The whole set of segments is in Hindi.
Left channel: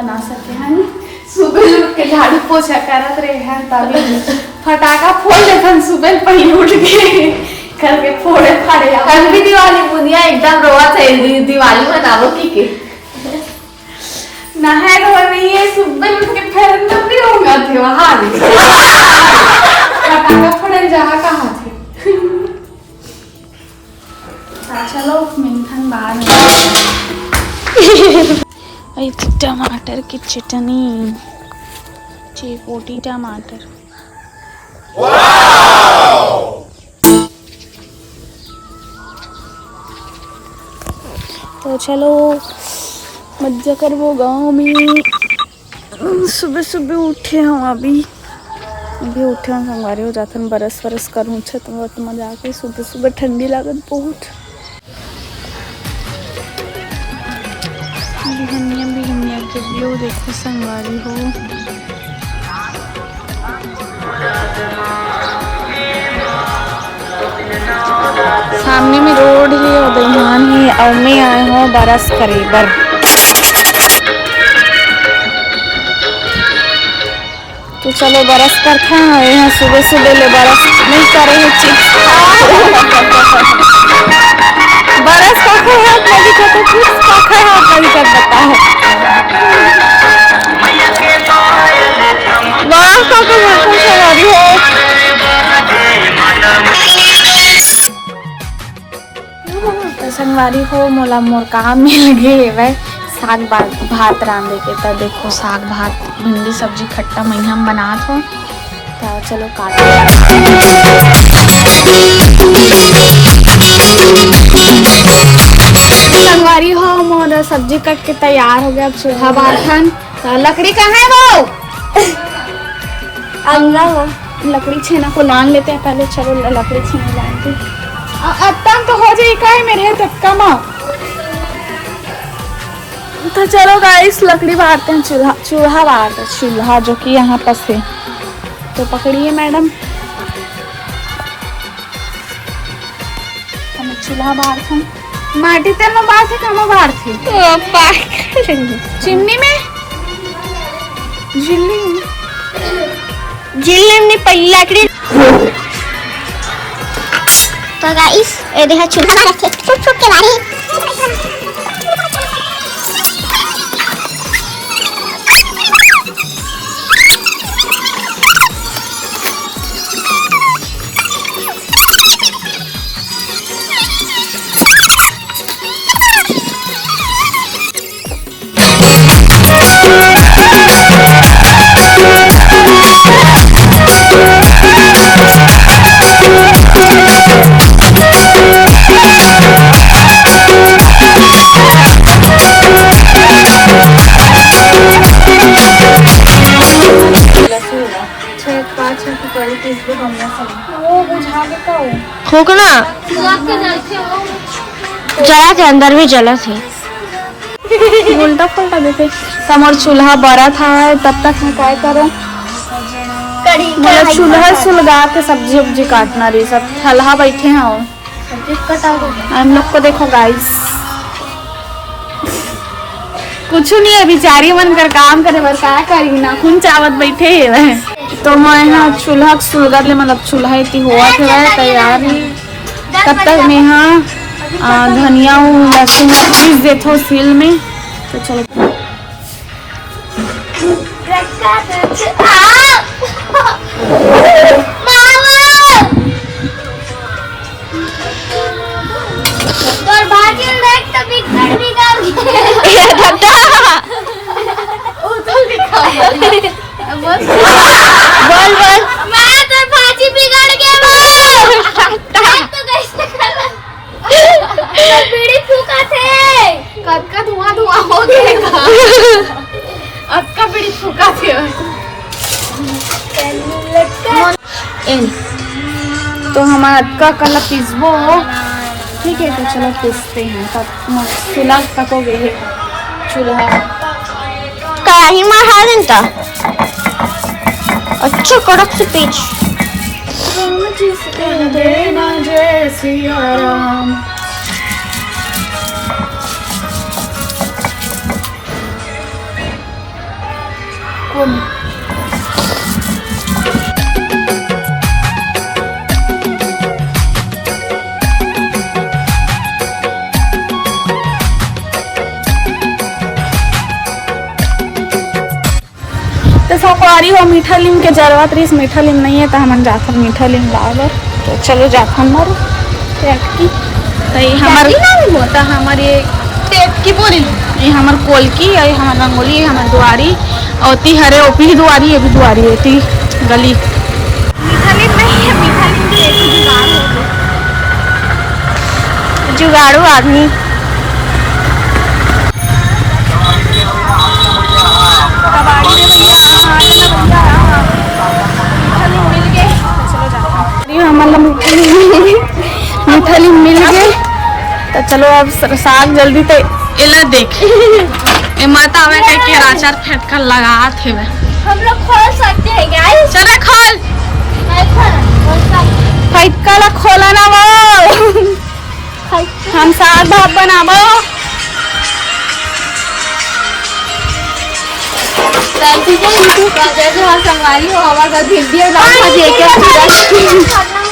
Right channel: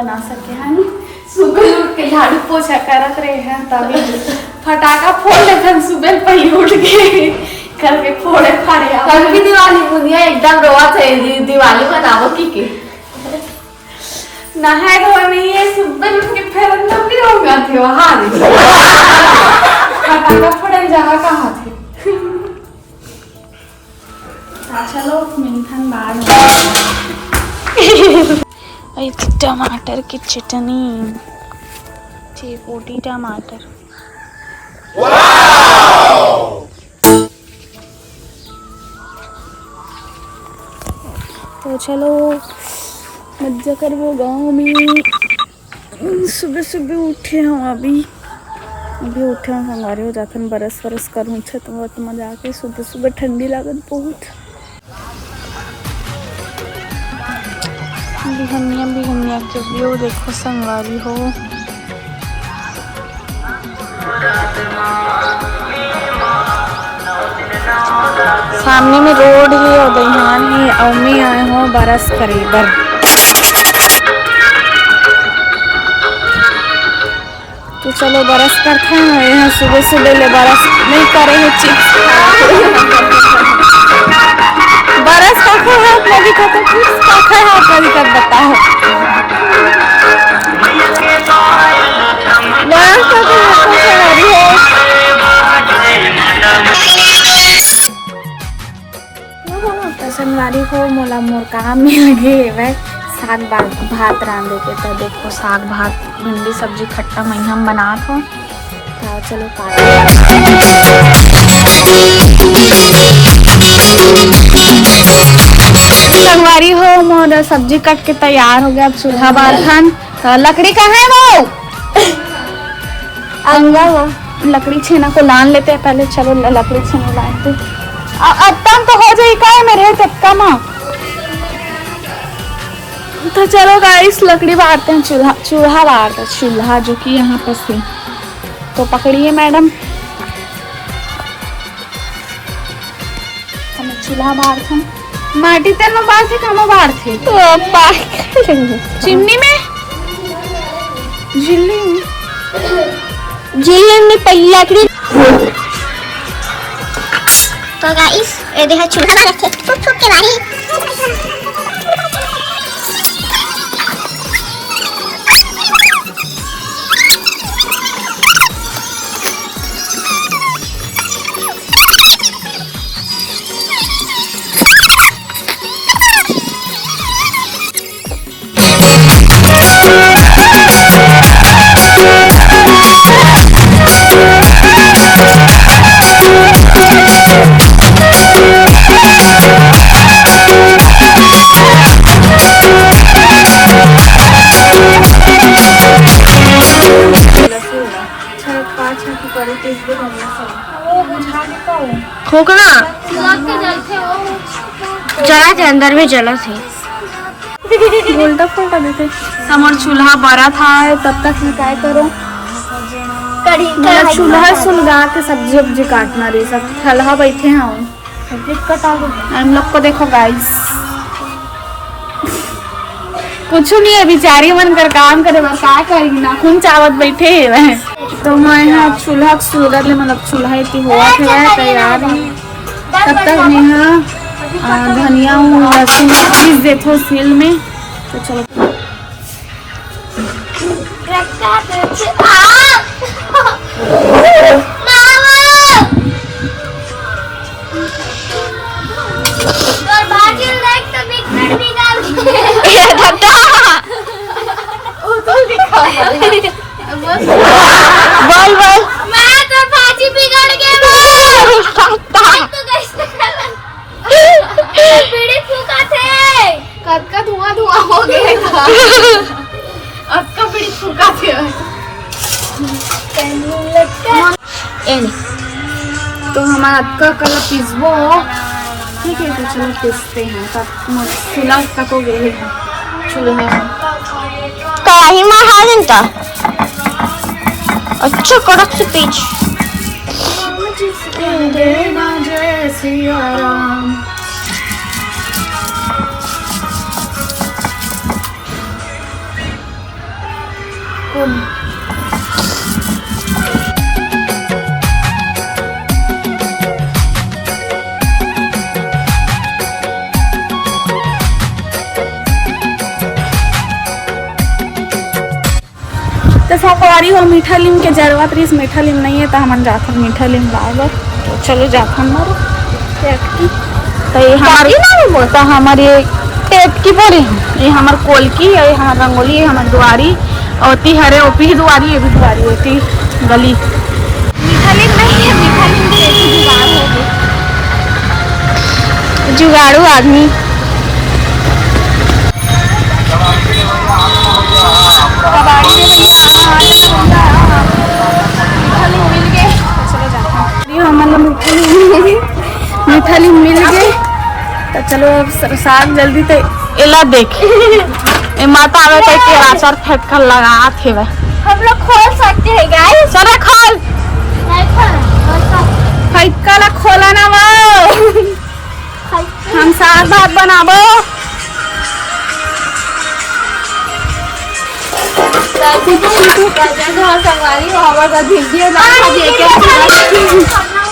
बना सके है नी। सुबह उठ के झाड़ू पोछा करत रहे हैं तभी फटाका फोड़ लेते सुबह पहले उठ के करके फोड़े फाड़े। कल भी दिवाली बुनिया एकदम रोआ थे दिवाली मनावो की नहाए धोए नहीं है सुबह उठ के फिर अंदर नहीं होगा थे वहां फटाका फोड़े जगह कहाँ थे। चलो मिंथन बाद में टमाटर की चटनी चिपोटी टमाटर। तो चलो मजा कर वो गाँव में सुबह सुबह उठे हम अभी उठे हम संगवारी हो जाते बरस वरस करूँ छे तो बहुत मजा आके सुबह सुबह ठंडी लागत बहुत। बिहनिया के व्यू देखो संगवारी हो। सामने में रोड है और दहियान है और मैं आए हूँ बरस करीबर। तो चलो बरस करते हैं यहाँ सुबह सुबह ले बरस नहीं करे है चिप्स बरस का खाए हाथ में भी कहते चिप्स का खाए हाथ में भी कर बताओ बरस का तो बिल्कुल सवारी हो। संगवारी हो मोला मोर काम मिल गए वह साग भात रांधे के। तो देखो साग भात भिंडी सब्जी खट्टा महीना हम बनात हो। तो चलो संगवारी हो मोर सब्जी कट के तैयार हो गया। अब चूल्हा बारथन। तो लकड़ी कहाँ है वो अंदर लकड़ी छेना को लान लेते पहले। चलो लकड़ी छेना लानते अब तो हो जाए का मेरे तत्का माँ। तो चलो गाइस लकड़ी बारते हैं चूल्हा बारते चूल्हा जो कि यहाँ पर है। तो पकड़िए मैडम चूल्हा बारते माटी तेल में बार थे कहाँ बार थे चिमनी में जिल्ली में पहली लकड़ी। तो गाइस ये देखो चूल्हा रखे टूट के बारी खोखना जला के अंदर में जला थे उल्टा पुल्टा देते तमर चूल्हा बड़ा था तब तक मैं क्या करूं मतलब चूल्हा सुलगा के सब्जी उब्जी काटना रही सब थल्हा बैठे हैं हम लोग को देखो गाइस कुछ नहीं है बेचारी मन कर काम करे बस क्या करी ना खून चावत बैठे है। तो मैं यहाँ चूल्हा सुलगा ले मतलब चूल्हा इतनी हुआ थे तैयार है। तब तक मैं यहाँ धनिया लहसुन पीस देते हो सील में। तो चलो बोल बोल मैं तो भाजी बिगड़ गया बीड़ी फूका थे कद का धुआं हो गया अब का बीड़ी फूका थे। तो हमारा अक्का कल पिसबो ठीक है। तो चलो पिसते हैं तब चूल्हा पकोगे चूल्हा कढ़ाई में हारन का अच्छा कड़क से पीछ देना जय सिया राम। रही हो मीठा लीम के जरूरत रही, मीठा लीम नहीं है तो हम जाथन मीठा लीम लाबर। तो चलो जाथन मर की तो ये हमार बोलता हमारे की बोली ये हमार कोलकी और ये हमार रंगोली, ये हमार दुआरी और ती हरे ओपी ही दुआरी, ये भी दुआरी होती गली। मीठा लीम नहीं है, मीठा लीम की ऐसी जुगाड़ हो गई, जुगाड़ू आदमी। कबाड़ी रे भैया आजा ना भैया, मीठा लीम मिल गए तो चलो जाता हमारा मीठा लीम मिल गए तो चलो अब साग जल्दी तो एला देख ए माता आवे कह के राचार फेंक कर लगा थे वे हम लोग खोल सकते हैं गाइस। चल खोल फेंका ला खोला ना वो हम साग भात बनाबो। जो संगवारी हो हमारे घर भिंडी और लाल भाजी एक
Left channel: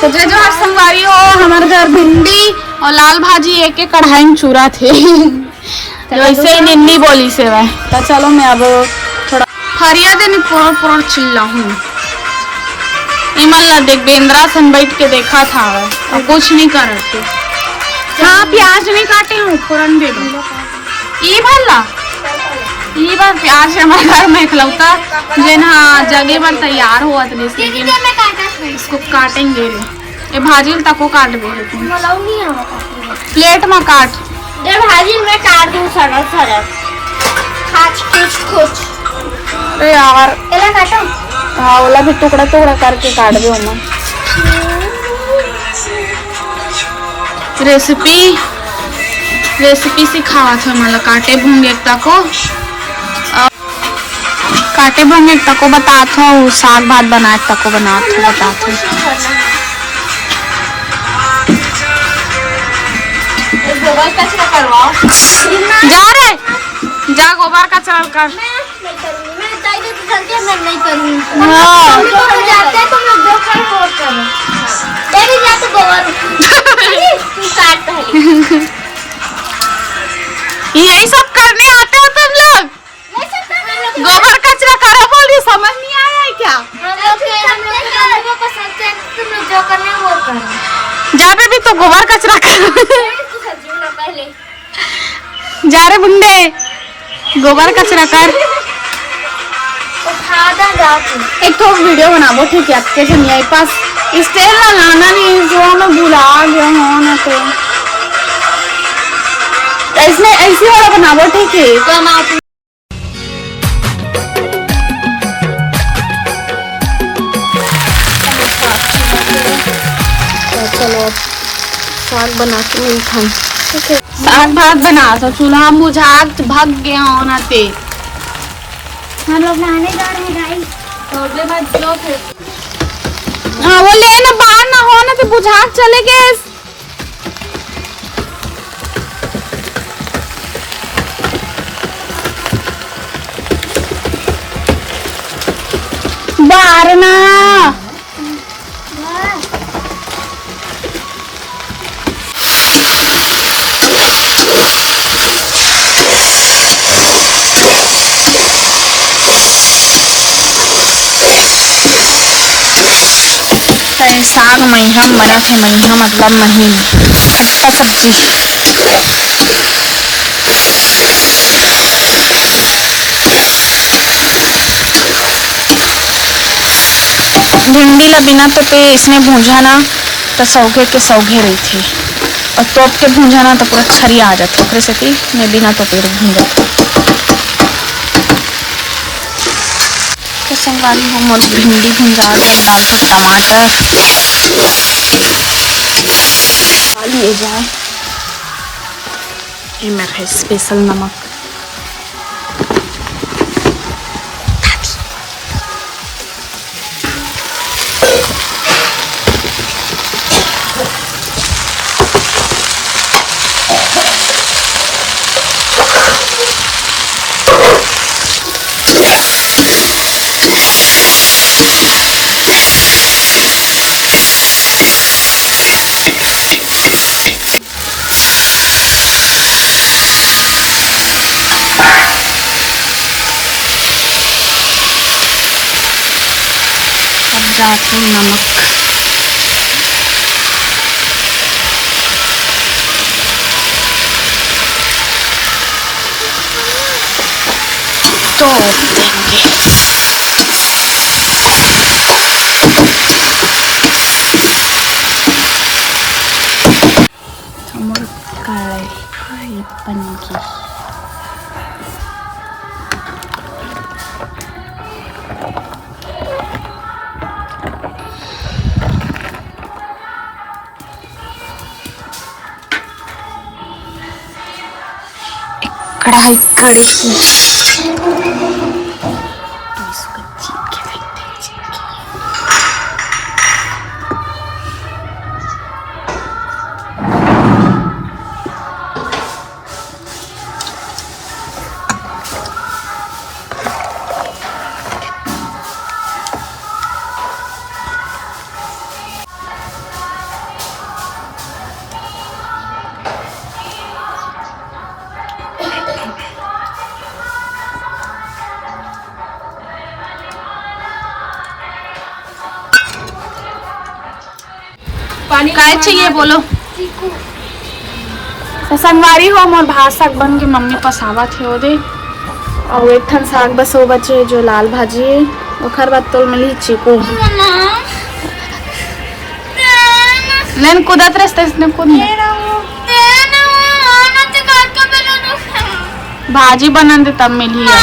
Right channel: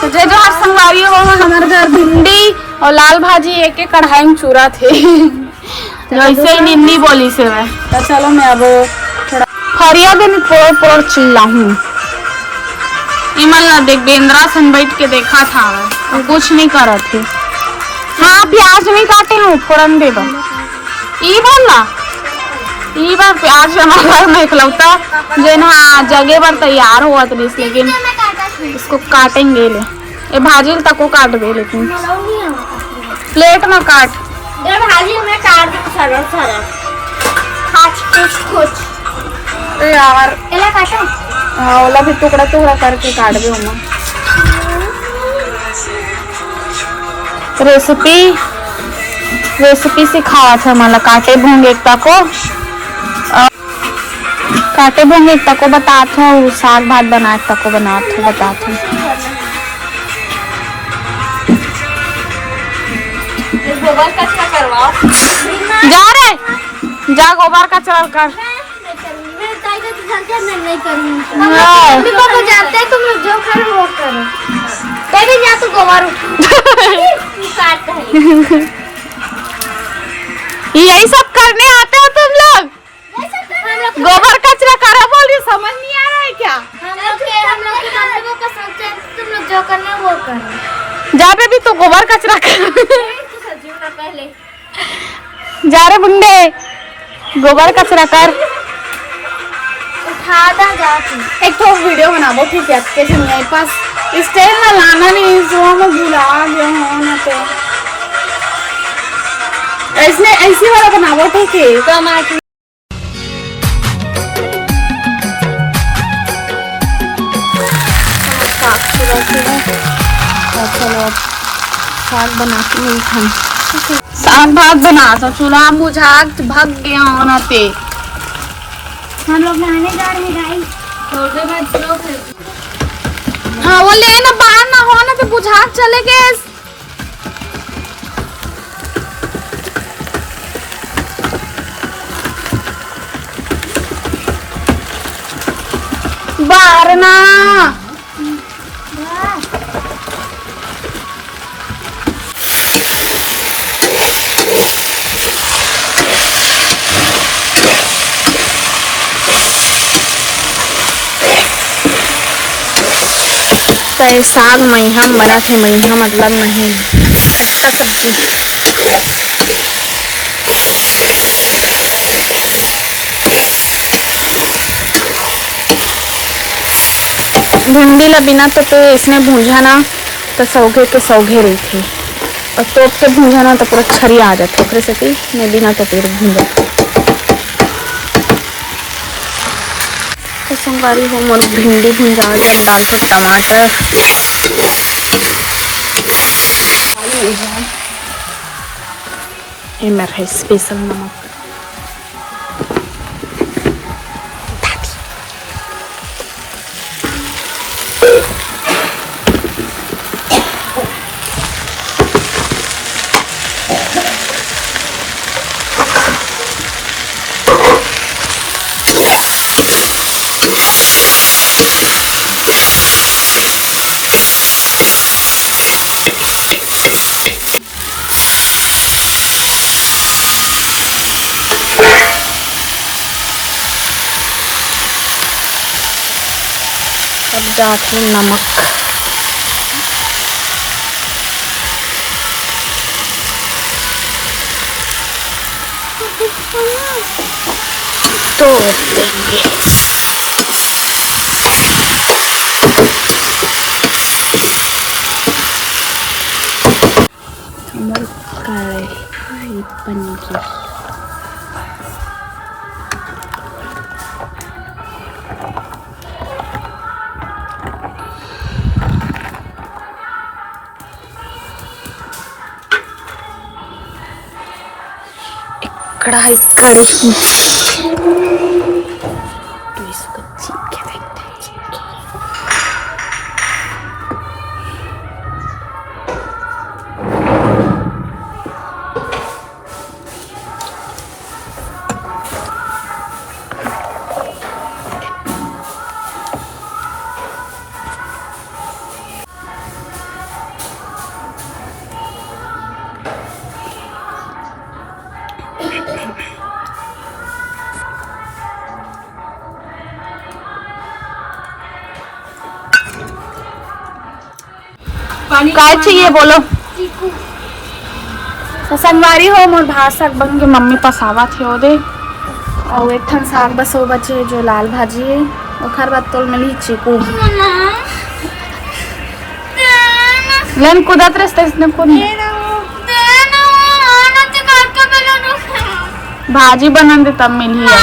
तुझे जो हर संगवारी हो हमारे घर भिंडी और लाल भाजी एक एक कढ़ाई में चूरा थे जो ऐसे ही निन्नी बोली से वह। तो चलो मैं अब थोड़ा फरिया दिन पोड़ चिल्ला हूँ इमल ना देख बेंद्रा सन बैठ के देखा था वह और कुछ नहीं कर रही थी। हाँ प्याज नहीं काटे हूँ फोरन दे दो ई भला ई बार प्याज हमारे घर में इकलौता जो ना जगह पर तैयार हुआ था, लेकिन इसको काटेंगे ले ये भाजी तको काट दे, लेकिन प्लेट में काट भाजी में काट दूं सरल सरल खाच कुछ। अरे यार एला काटो हाँ वाला भी टुकड़ा टुकड़ा करके काट दे उमा। रेसिपी सिखावा था मला काटे भूंगे तको काटे भूंगे तको बतात हो साग भात बनाए तको बनात हो बतात हो। गोबर कचरा करवाओ जा रे जा गोबर का चल कर। मैं नहीं करूँगी। हाँ तुम लोग जाते हैं तुम लोग जो कर वो करो। तेरी जा तो गोबर तू काट पहले। यही सब करने आते हो तुम लोग? गोबर कचरा करो बोल रही समझ नहीं आ रहा है क्या? हम लोग के मम्मी पापा सोचते हैं तुम लोग जो करना है वो करो। जा बेबी तो गोबर कचरा कर सब्जी बना पहले। जा रे बुंडे गोबर कचरा कर। उठा दा जाके। एक तो वीडियो बनाबो ठीक है आपके मेरे पास स्टेज ना लाना नहीं जो मैं भुला गया हूँ ना तो इसमें ऐसी वाला बनाबो ठीक है। चलो साग बना के नहीं खान साग भात बना तो चूल्हा बुझा भग गया होना पे। हम लोग नहाने जा रहे हैं गाइस। थोड़े बाद लो फिर हाँ वो ले ना बाहर ना हो ना तो बुझा चले गए। बाहर ना साग महीना बना थे महीना मतलब महीना खट्टा सब्जी भिंडी ला बिना तो पे इसने भूंजा ना तो सौगे के सौगे रही थी और तोप के भूंजा ना तो पूरा छरी आ जाती ओकरे से थी मैं बिना तो पे भूंजा तो संगवारी हो मोर भिंडी भुंजा डाल तो टमाटर लिए जाए ये मेरा स्पेशल नमक जाके नमक, तो देंगे। समोर कढई पनीर, कढ़ाई कढ़ी काय चाहिए बोलो। संगवारी हो मोर भात साग बन के मम्मी पसावा थे ओ दे, और एक ठन साग बस वो बचे जो लाल भाजी है, ओखर बाद तोल मिली चीकू लेन कुदत रस्ते इसने कूद भाजी बना दे तब मिली है।